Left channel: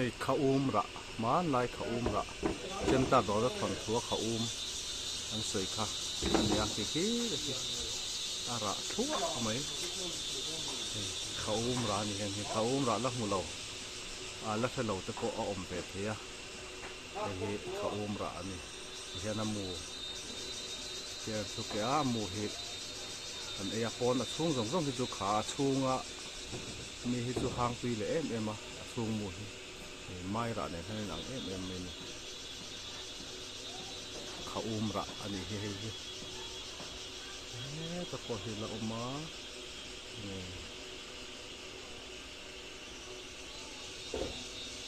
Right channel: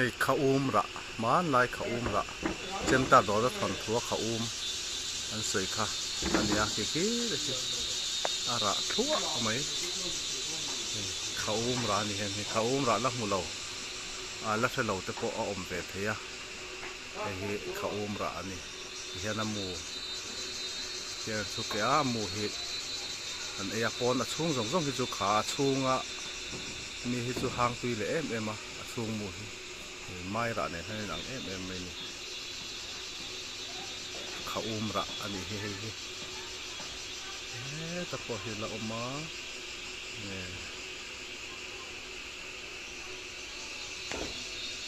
hei kha ra man lai kha ra chem ta do da thon thua kha an sei kha ania ki ara thua mai kha ra ni hen kha ra la mu lo la fe lo te po a om ve thea he kha ra ani hian mu ke chu ke a mu hi an e pon a chung zong zong hi chu kha chunga mi hi chu hang tui le em a chung mu hi mai ra ne thain ang em mai ni kha ra ani he ta po hi la oma ne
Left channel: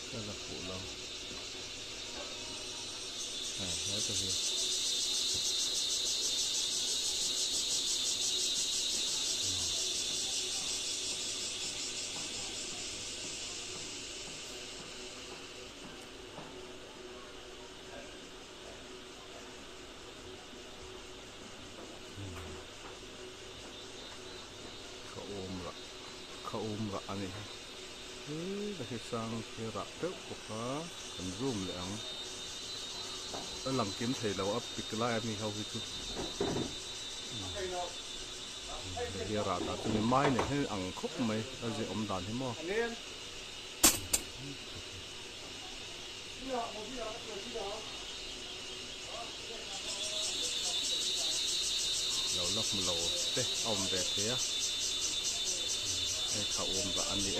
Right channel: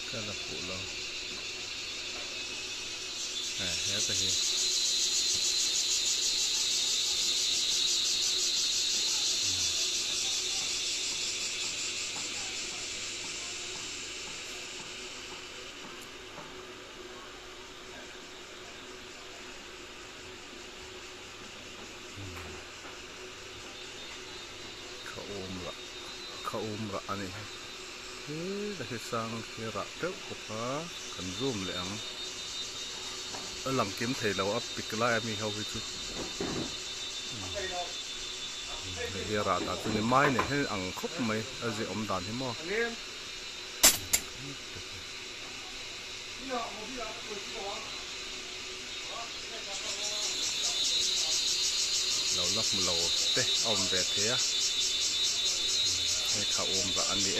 ka la pu lo he ta hi kha ra ani da hi sang khi ra teu ko pa kan zoom le ang lang kim thei lo a pikla mi ho hi chu he ra ta tu ni mai ne he ang khop mai a je om dan hi mo lo lak mu lo te om ve the a he kha ra ani